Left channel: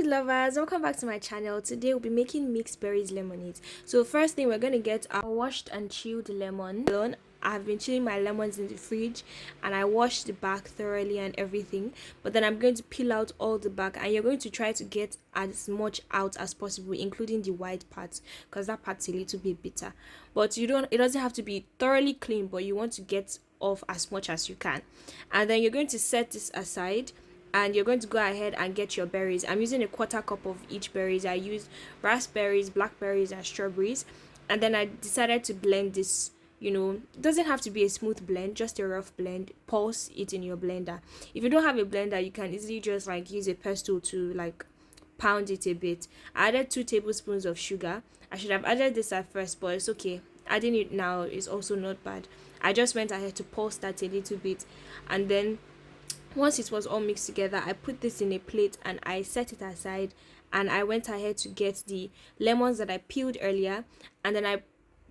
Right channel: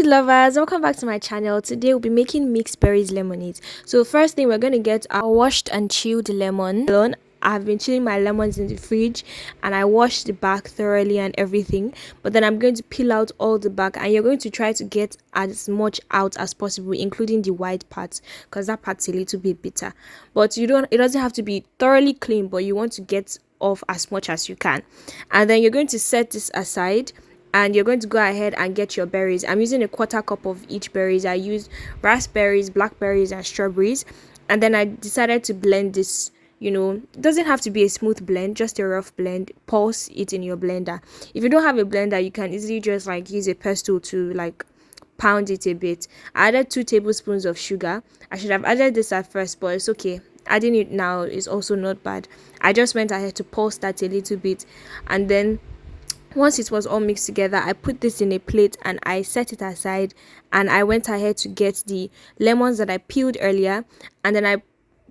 food lovers, welcome back to my channel. Today we'll be making mixed berries lemonade. So first thing, we're going to get our washed and chilled lemon. I've been chilling my lemons in the fridge and I washed the back thoroughly and everything, but then I'm going to peel out all the back, and you're going to try to get as much out as possible, including the white parts, because that part's a little bit bitter. But it doesn't have to be thoroughly clean, but you want to get off as much as you can. And then you're going to set this aside, and you're going to go ahead and get your berries. I'm using a quarter cup of each berries. I used raspberries, blackberries, and strawberries. And then I decided to blend this. It doesn't have to be a smooth blend, just a rough blend. Pulse it in your blender. If you don't have a blender, you can easily just use a pestle to pound it a bit. I added 2 tablespoons of sugar. I should have added this at first, but it's okay. Adding it now is also not bad. I just went ahead to pulse that a little bit, and then once it was all mixed together, I put this in a plate and I set it aside, and I went ahead to get the lemons that I peeled earlier, and then I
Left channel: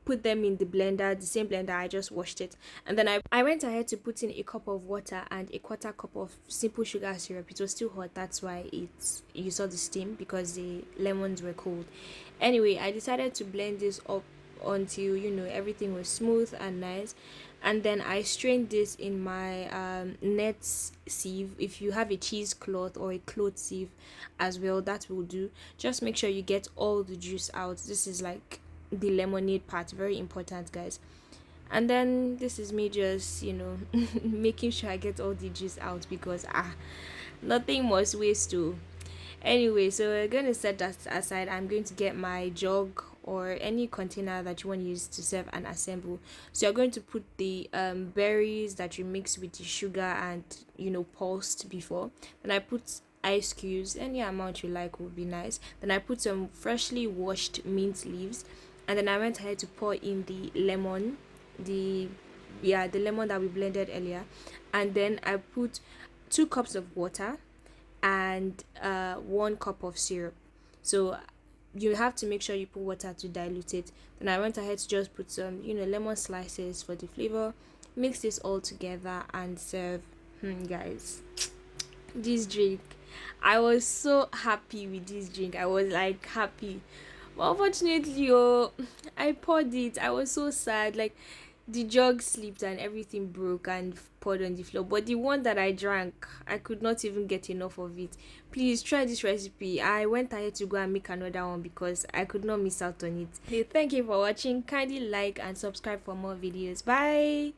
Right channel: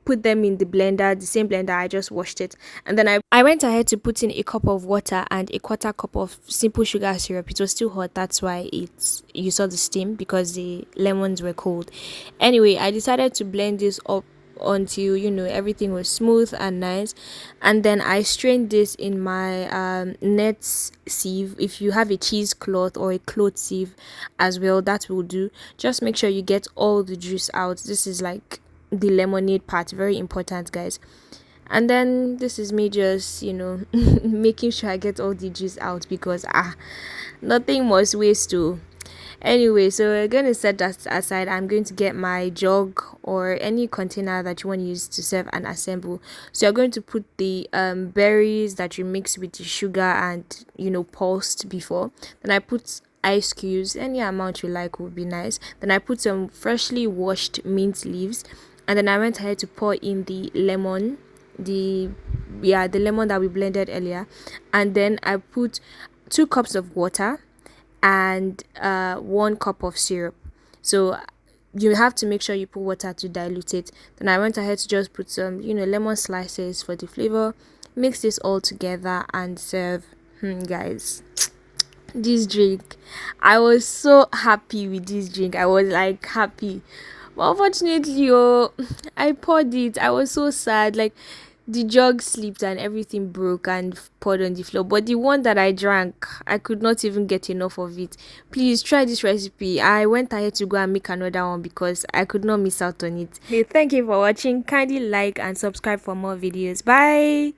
put them in the blender, the same blender I just washed it. And then I went ahead to put in a cup of water and a quarter cup of simple sugar syrup. It was still hot, that's why you saw the steam, because the lemons were cold. Anyway, I decided to blend this up until everything was smooth and nice, and then I strained this in my net sieve. If you have a cheesecloth or a cloth sieve as well, that will do. Just make sure you get all the juice out. This is like the lemonade part, very important, guys. And then this is me just making sure I get all the juice out, because nothing must waste too. Anyway, so we're going to set that aside. I'm going to get my jug or any container that you want to use to serve and assemble. So you're going to put the berries that you mix with the sugar and pulsed before. Then I put ice cubes, any amount you like would be nice. Then I put some freshly washed mint leaves, and then I went ahead to pour in the lemon, the lemon that we blended earlier. And then I put 2 cups of water and 1 cup of syrup. So you have to make sure you put water to dilute it. Then I went ahead to just put some lemon slices for the flavor, mix this all together and serve. Guys, this drink, I was so happy with this drink. I was happy, but unfortunately I poured it. I was so sad. The jug slipped and everything broke and poured on the floor. But the one that I drank, I could not even get enough of it. Please try this recipe. I went ahead to go and make another one because I could not miss out on it. Hey, thank you for watching. Kindly like and subscribe for more videos. Bye.